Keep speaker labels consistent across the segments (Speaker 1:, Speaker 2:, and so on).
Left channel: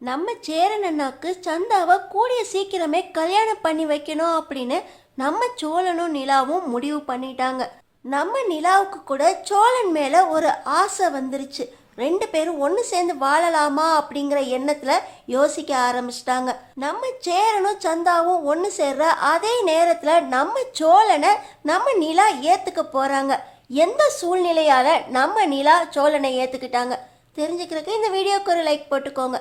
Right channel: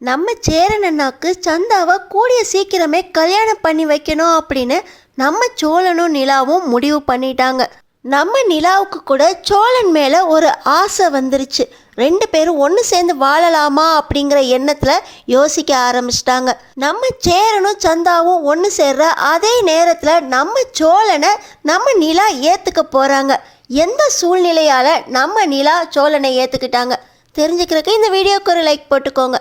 Speaker 1: நம்ம சேரன் அண்ணாக்கு சந்தாவை கூடிய சீக்கிரமே கல்யாணம் பண்ணி வைக்கணும் அப்படின்னு நம்ம சோழனும் நிலாவும் முடிவு பண்ணிட்டாங்க. நம்ம நிலாவுக்கு கூட சோழன் மேலே ஒரு ஆசை வந்துருச்சு. ரெண்டு பேரும் ஒன்று சேர்ந்து வாழலாமா அப்படிங்கிற எண்ணத்தில் யோசிக்க ஆரம்பிச்சிட்டாங்க. நம்ம சேரனும் சந்தாவும் ஒன்று சேர்ற அதே நேரத்தில் நம்ம சோழனை நம்ம நிலா ஏற்றுக்க போகிறாங்க எந்த சூழ்நிலையால் நம்ம நிலா சோழனை ஏற்றுக்கிட்டாங்க தெரிஞ்சுக்கிறதுக்கு இந்த வீடியோக்கு ஒரு லைக் போட்டுக்கோங்க.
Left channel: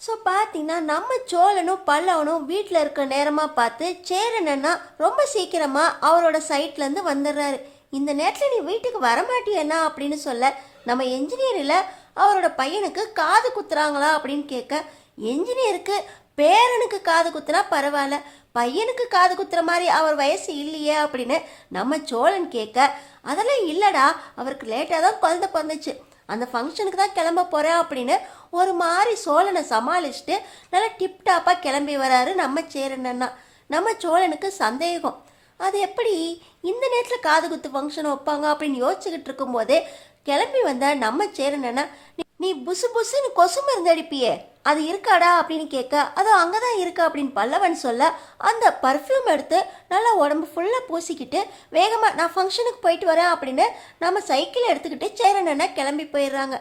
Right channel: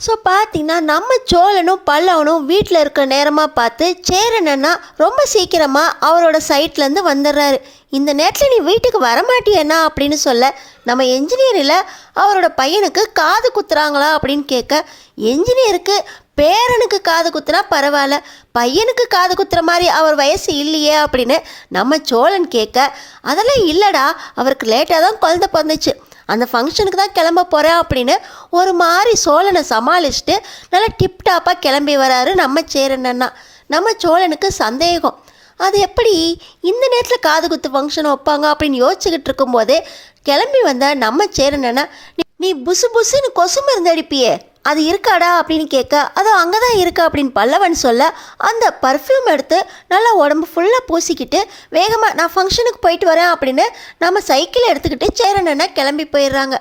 Speaker 1: ஸோ பார்த்தீங்கன்னா நம்ம சோழனும் பல்லவனும் வீட்டில் இருக்கிற நேரமாக பார்த்து சேரனன்னா ரொம்ப சீக்கிரமாக அவரோட சைட்லேருந்து வந்துடுறாரு இந்த நேரத்தில் நீ வீட்டுக்கு வரமாட்டியண்ணா அப்படின்னு சொல்ல நம்ம என்ஜினியரில் அவரோட பையனுக்கு காது குத்துறாங்களா அப்படின்னு கேட்க என்ஜினியருக்கு பேரனுக்கு காது குத்துனா பரவாயில்ல. பையனுக்கு காது குத்துற மாதிரி அவர் வயசு இல்லையே அப்படின்னு நம்ம சோழன் கேட்க அதெல்லாம் இல்லைடா. அவருக்கு லேட்டாக தான் குழந்தை பிறந்துச்சு. அந்த ஃபங்க்ஷனுக்கு தான் கிளம்ப போகிறேன் அப்படின்னு ஒரு மாதிரி சோழனை சமாளிச்சுட்டு நல்லா டிப்டாப்பாக கிளம்பி வராரு நம்ம சேரன் நம்ம சோழனுக்கு சந்தேகம். அது எப்படி இந்த நேரத்தில் காது குத்து ஃபங்க்ஷன் வைப்பாங்க அப்படின்னு யோசிச்சுக்கிட்டு இருக்கும்போதே கிளம்பி வந்த நம்ம சேரன் "நீ- நீ புசு புசுன்னு கொசு மருந்து அடிப்பியே. அது இருக்காடா அப்படின்னு கேட்க அது அங்கே தான் இருக்கு? அப்படின்னு பல்லவன் சொல்ல அந்த பர்ஃப்யூம் எடுத்து நல்லா உடம்பு ஃபுல்லாக பூசிக்கிட்டு வேகமாக நான் ஃபங்க்ஷனுக்கு போயிட்டு வரேன் அப்படின்னு நம்ம சைக்கிள் எடுத்துக்கிட்டு சேரன் கிளம்பி போயிடுறாங்க.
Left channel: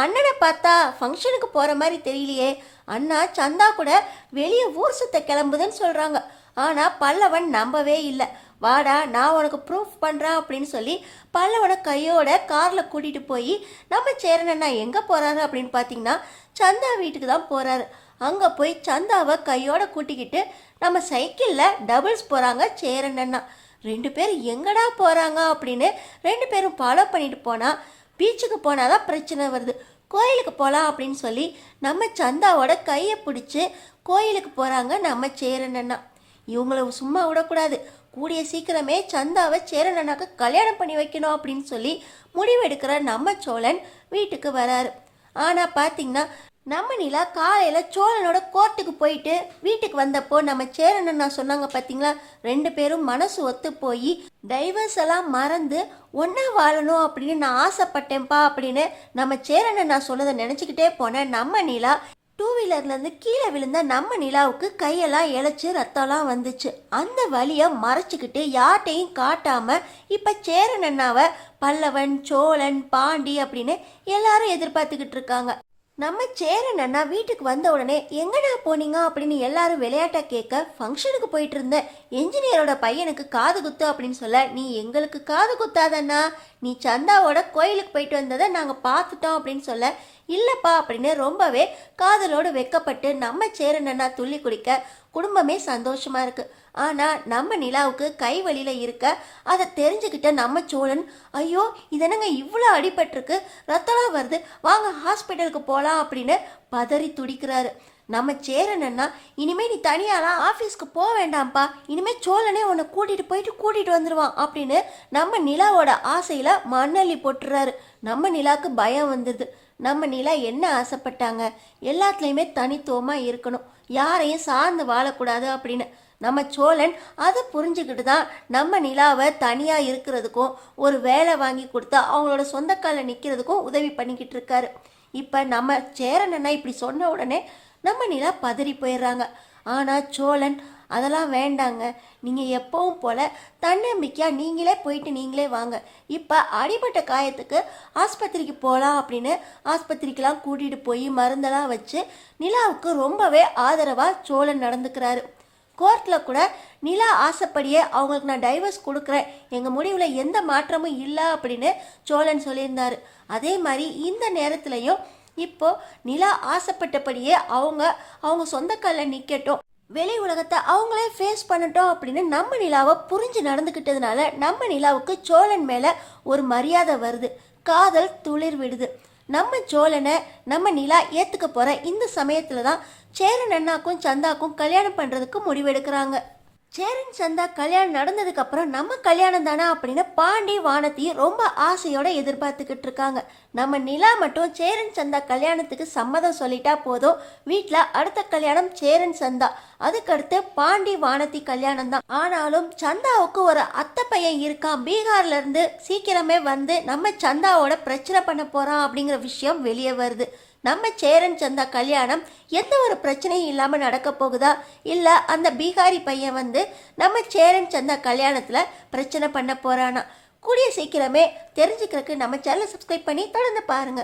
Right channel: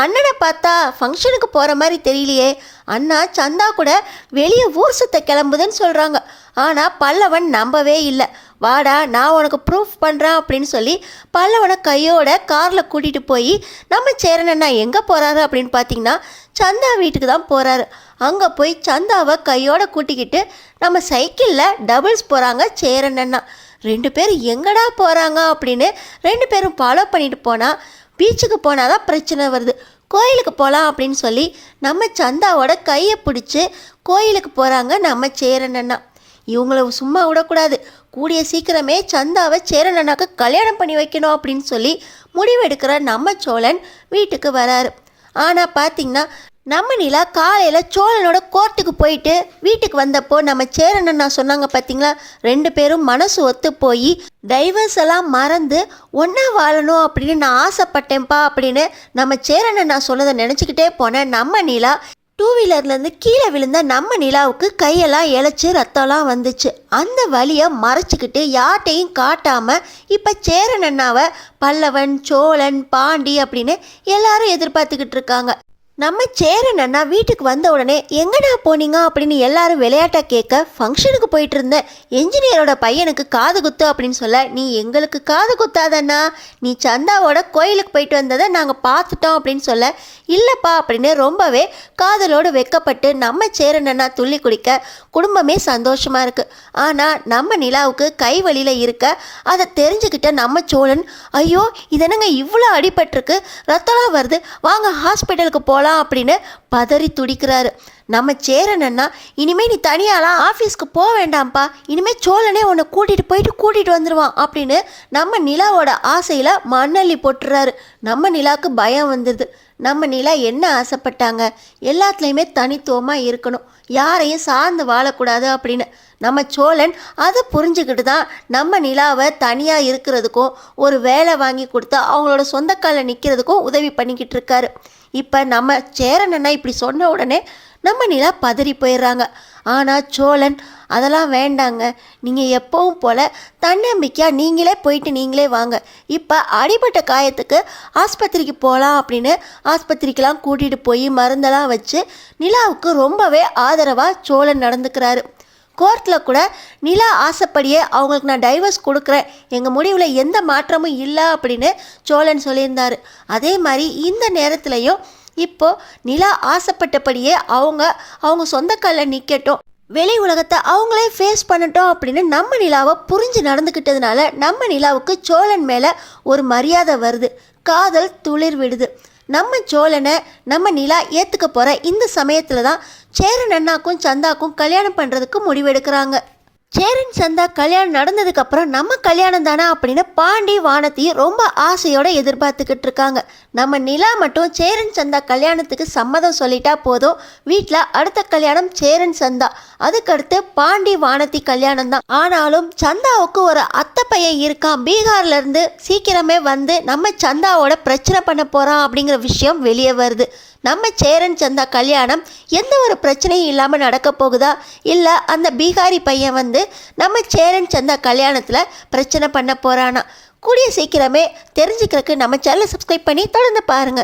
Speaker 1: அண்ணனை பார்த்தா ஃபங்க்ஷனுக்கு போகிற மாதிரி தெரியலையே. அண்ணா சந்தா கூட வெளியே ஊர் சுத்த கிளம்புதுன்னு சொல்கிறாங்க ஆனால் பல்லவன் நம்பவே இல்லை. வாடா நான் உனக்கு ப்ரூஃப் பண்ணுறேன் அப்படின்னு சொல்லி பல்லவனை கையோட காரில் கூட்டிகிட்டு போய் நம்ம சேரன் அண்ணா எங்கே போகிறாரு அப்படின்னு பார்த்தீங்கன்னா சந்தா வீட்டுக்கு தான் போகிறாரு அங்கே போய் சந்தாவை கையோட கூட்டிக்கிட்டு நம்ம சைக்கிளில் டபுள்ஸ் போகிறாங்க சேரன் அண்ணா. ரெண்டு பேரும் எங்கடா போகிறாங்க அப்படின்னு ரெண்டு பேரும் ஃபாலோ பண்ணிட்டு போனால் பீச்சுக்கு போனால் தான் பிரச்சனை வருது. கோயிலுக்கு போகலாம் அப்படின்னு சொல்லி நம்ம சந்தாவோட கையை பிடிச்சி கோயிலுக்கு போகிறாங்க நம்ம சேரணண்ணா இவங்கள சும்மா விடக்கூடாது. கூடிய சீக்கிரமே சந்தாவை சேரன் கல்யாணம் பண்ணி வைக்கணும் அப்படின்னு சொல்லி முடிவெடுக்கிற நம்ம சோழன் வீட்டுக்கு வராரு. ஆனால் பார்த்திங்கன்னா நம்ம நிலா காலையில் சோழனோட கோர்ட்டுக்கு போயிட்டு வீட்டுக்கு வந்தப்போ நம்ம சேரன் அண்ணா சொன்னாங்க பார்த்தீங்களா ரெண்டு பேரும் மனசு ஒத்து போய் டைவர்ஸ் எல்லாம் மறந்து ஒன்றா வாழணும் அப்படின்னு நான் ஆசைப்பட்டேன்ப்பா அப்படின்னு நம்ம சேரன் அண்ணா சொன்னதை நினச்சிக்கிட்டே போனேன் நம்ம நிலா டூ வீலர்லேருந்து கீழே விழுந்த நம்ம நிலாவுக்கு கையெல்லாம் இழைச்சி ரத்தம்லாம் வந்துச்சு. அந்த வழியை மறைச்சிக்கிட்டு யார்ட்டையும் காட்டாமல் இப்போ சேரன் அண்ணாவை பல்லவன் சோழன் பாண்டி அப்படின்னு எல்லாரும் எதிர்பார்த்துக்கிட்டு இருக்காங்க. நம்ம சேரன் அண்ணா வீட்டுக்கு வந்த உடனே எங்கண்ணா போனீங்க? அப்படின்னு எல்லாரும் விளையாட்டா கேட்க ஃபங்க்ஷனுக்கு போயிட்டு இருந்த என்ஜினியரோட பையனுக்கு காது குத்து அப்படின்னு சொல்ல நீ எங்களுக்கு காது குத்தாதண்ணா. நீ சந்தாவோட கோயிலுக்கு போயிட்டு வந்ததை நாங்கள் பார்த்துட்டோம் அப்படின்னு சொல்ல இல்லைப்பா அப்படின்னு ரொம்பவே காதலோடு வெக்கப்பட்டு நம்ம சேரன் அண்ணா துள்ளி குடிக்க குடும்பமே சந்தோஷமாக இருக்குது ஆனால் நம்ம நிலாவுக்கு கை வழியில் இருக்க அதை தெரிஞ்சுக்கிட்ட நம்ம சோழன் ஐயோ இது இவ்வளோ அடிபட்டிருக்கு. ரத்தம்லாம் வருது. வாங்க ஹாஸ்பிட்டலுக்கு போகலாம் அப்படின்னு பதறி துடிக்கிறாரு. நம்ம சேரனன்னா இனிமேல் இனிமே நீ தனியாலாம் ஆஃபீஸ்க்கு போக வேண்டாம்ப்பா. இனிமே சோழனே உன்னை கூட்டிகிட்டு போயிட்டு கூட்டிகிட்டு வந்துடுவான் அப்படின்னு நம்ம நிலாவோட ஆசையில் மண்ணள்ளி போட்டுறாரு. நம்ம நிலாவுக்கு பயம் வந்துடுது நம்ம நிலா என்ன ஆசைப்பட்டாங்க? எல்லாத்துலேயுமே தனித்துவமாக இருக்கணும். யாரையும் சார்ந்து வாழக்கூடாது அப்படின்னு. நம்ம சோழன் அதை புரிஞ்சுக்கிட்டு தான் நம்ம நிலாவை தனியாக இருக்கிறதுக்கும் ஒரு வேலை வாங்கி கொடுத்து அவங்களோட சொந்தக்கால நிற்கிறதுக்கும் உதவி பண்ணிக்கிட்டு இருக்காரு. இப்போ நம்ம சேரன் இப்படி சொன்ன உடனே நம்ம நிலா பதறி போயிடுறாங்க. ஆனால் சோழன் அதெல்லாம் வேண்டாங்க. நீங்கள் எப்பவும் போல் தன்னம்பிக்கையாக நீங்களே போயிட்டு நீங்களே வாங்க. இப்போ அடிபட்ட காயத்துக்கு ஆஸ்பத்திரிக்கு போகலாம் அப்படின்னு ஆஸ்பத்திரிக்கெலாம் கூட்டிகிட்டு போய் மருந்தெல்லாம் வச்சு நிலாவுக்கு ரொம்பவே ஆதரவாக சோழன் நடந்துக்கிறாரு. கோர்ட்டில் கூட நிலா ஆசைப்படியே அவங்களுக்கு நான் டைவர்ஸ் கொடுக்குறேன். எங்கள் முடிவில் எந்த மாற்றமும் இல்லை அப்படின்னு சோழன் சொல்லியிருந்தார். அதே மாதிரி இந்த நேரத்துலையும் இப்போது நிலா ஆசைப்பட்டபடியே அவங்க அவங்க சொந்த காலில் நிற்கட்டும் வெளி உலகத்தை அவங்களே ஃபேஸ் பண்ணட்டும் அப்படின்னு நம்ம நிலாவை புரிஞ்சு நடந்துக்கிட்டதுனால நம்ம நிலாவுக்கு சோழன் மேலே ஒரு மரியாதை வருது. காதல் துளிர் விடுது. நம்ம சோழனை நம்ம நிலா ஏற்றுக்க போகிற இந்த சமயத்தில் தான் சேரன் அண்ணாக்கும் சந்தாக்கும் கல்யாணம் பண்ணுறதுக்கு முடிவெடுக்கிறாங்க. சேரன் சந்தா கல்யாணம் நடந்ததுக்கப்புறம் நம்ம கல்யாணம் தானே அப்படின்னு பாண்டி வானத்தையும் ரொம்ப ஆசையோட எதிர்பார்த்துக்கிட்டு இருக்காங்க. நம்ம நிலா மட்டும் சேரன் சந்தா கல்யாணத்துக்கு சம்மதம் சொல்லிட்டா போதும். வீட்டில் அடுத்த கல்யாணம் சேரன் சந்தா. அதுக்கடுத்து பாண்டி வானத்தி கல்யாணம் தான். ஆனாலும் சந்தாவுக்கு ஒரு அத்தை பையன் இருக்கான். பீகார்ல இருந்து சீக்கிரமே வந்து நம்ம சந்தாவோட பிரச்சனை பண்ண போறான் அப்படிங்கிற விஷயம் வெளியே வருது. நம்ம சேரன் சந்தா கல்யாணம் எந்த ஒரு பிரச்சனையும் இல்லாமல் நடக்க போகுதா? இல்லை அந்த பீகாரி பையன் வந்து நம்ம சேரன் சந்தா கல்யாணத்தில் பிரச்சனை பண்ண போகிறானா கூடிய சீக்கிரமே தெரிஞ்சுக்கிறதுக்கு நம்ம சேனலை சப்ஸ்கிரைப் பண்ணி தொடர்ந்து பாருங்கள்